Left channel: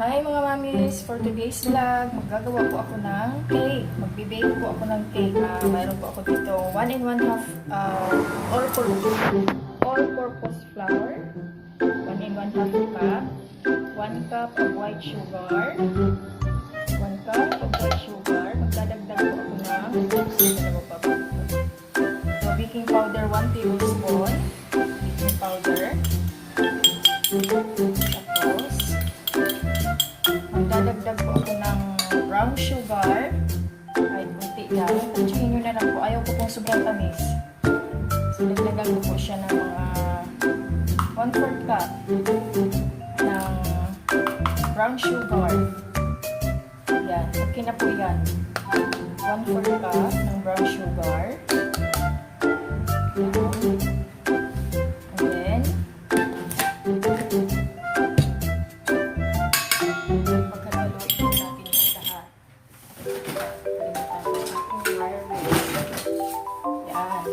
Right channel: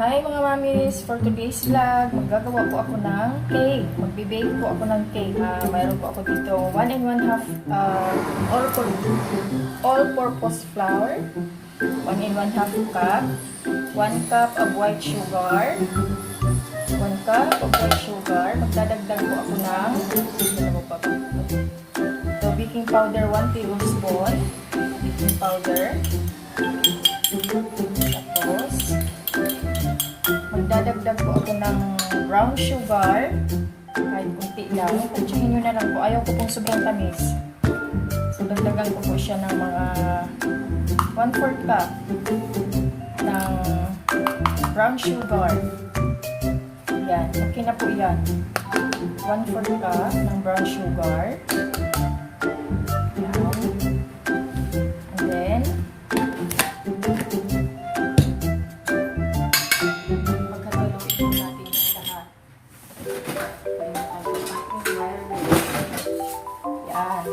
Hi mga mamis! For today's vlog, maggagawa po ako ng cake. Magbe-bake po ako ng cake. Mayroon po ako dito 1 and 1/2 all-purpose flour, 1 and 1/2 cup, 1 cup of white sugar, 1 cup of white sugar. Magdadagdag po ako ng baking powder, 1 tablespoon, baking powder. Tapos, magdadagdag po ako ng brown sugar. Ay, kunti lang. Tansyahin nyo na lang po. Ayaw ko pong sobrang tamis. So, dagdagan ko po siya ng mga 1/4 cup ng brown sugar. Yan. Okay na po yan. 1/4 cup ng brown sugar. Yan. And then, yan.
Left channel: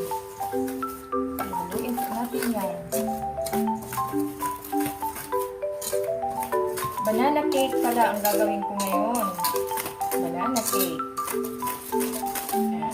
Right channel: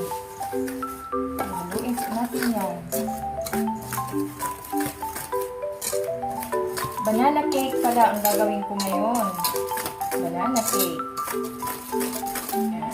Haluin natin yan. Banana cake pala ang gagawin ko ngayon. Banana cake. Yan.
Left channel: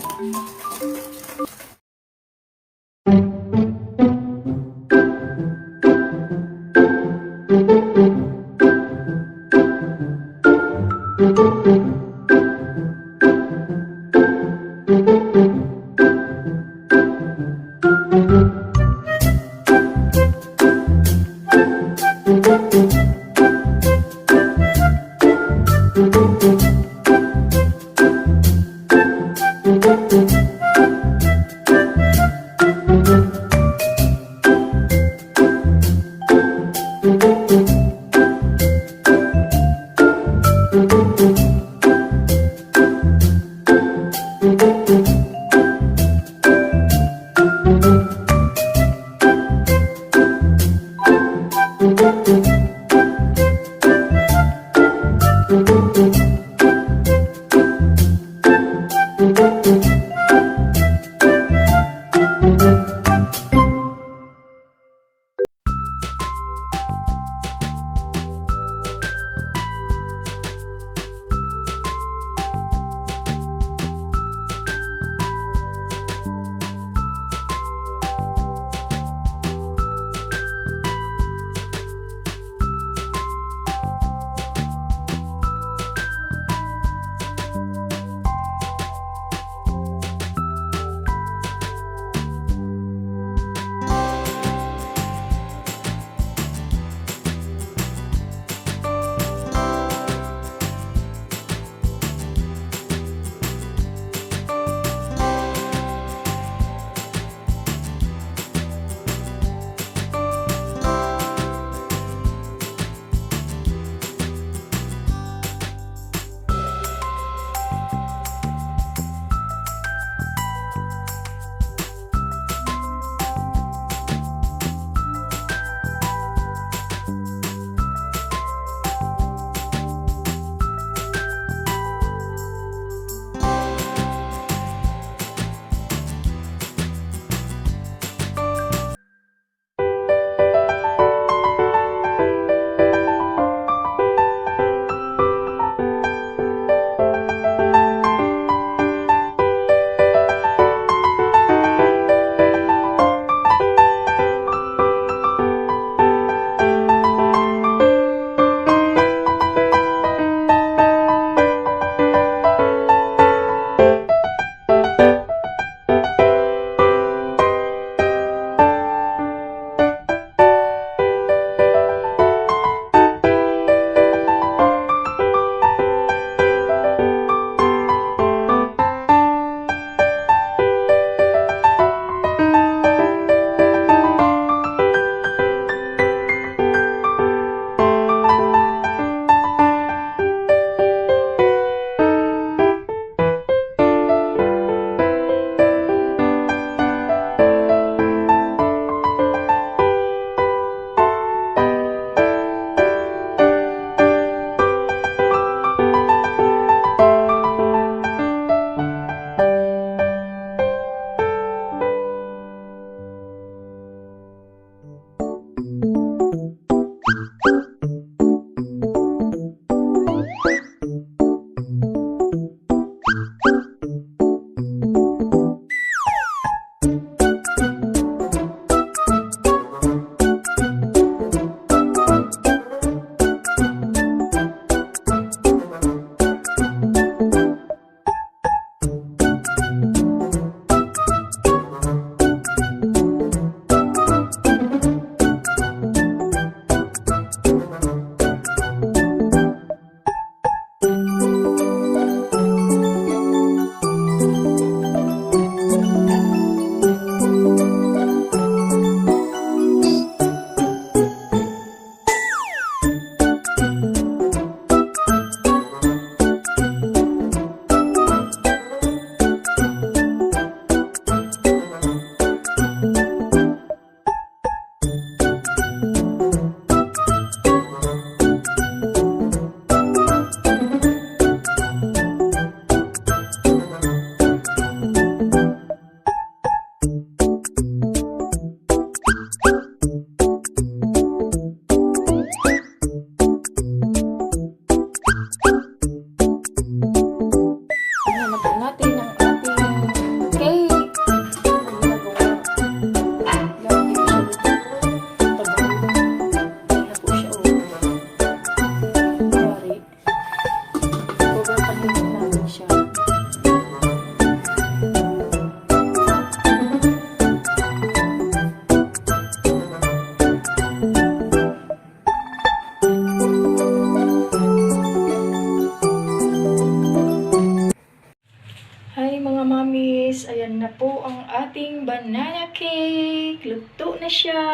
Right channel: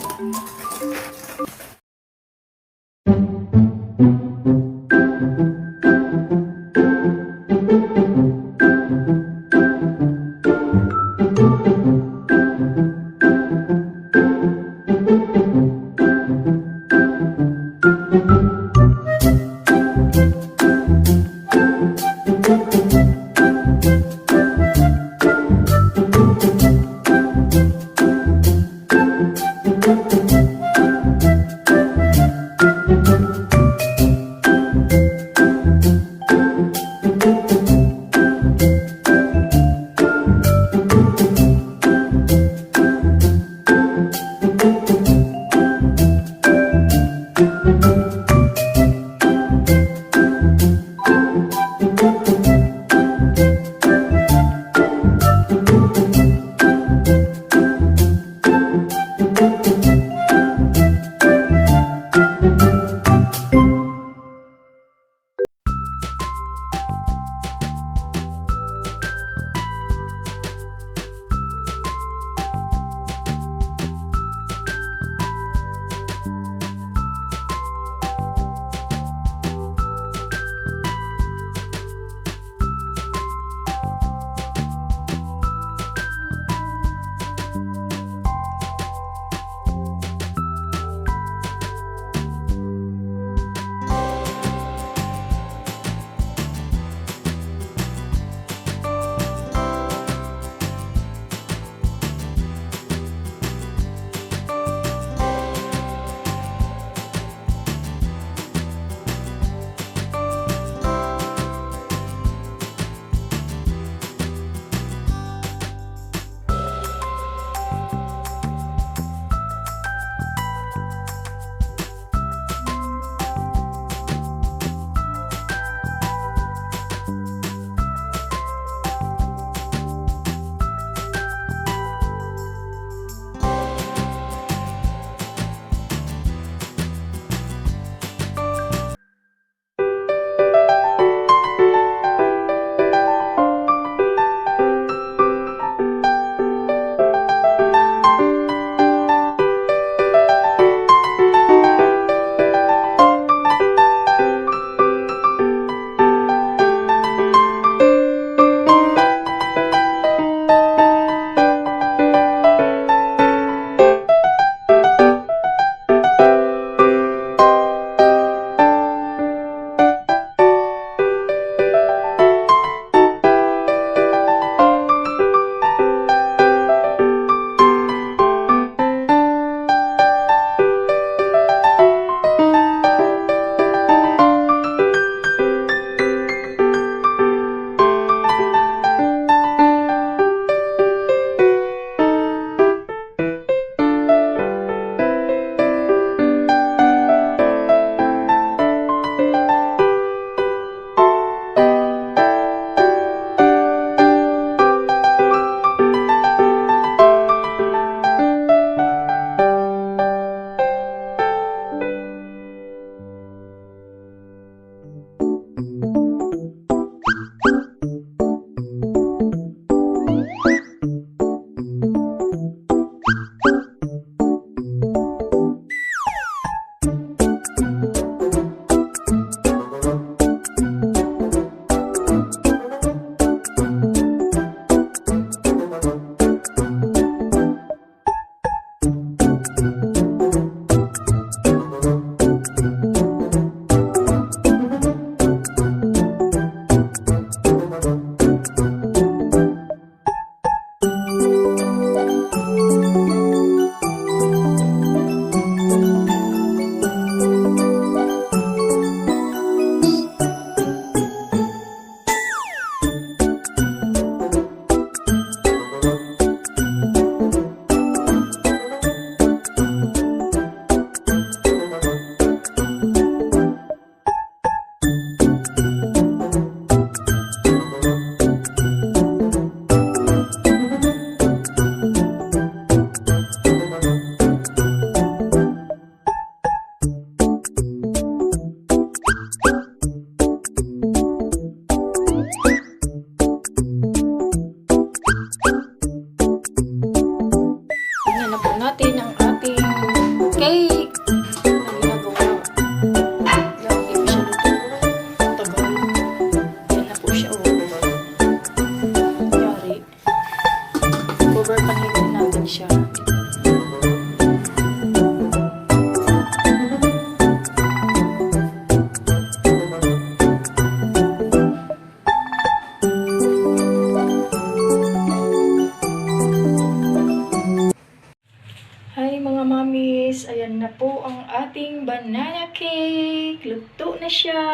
po ang ating banana cake. Luto na siya.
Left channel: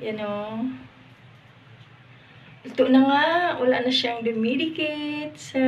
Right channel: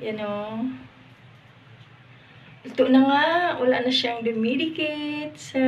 Yan o. Luto na nga. Wala na siyang dumidikit sa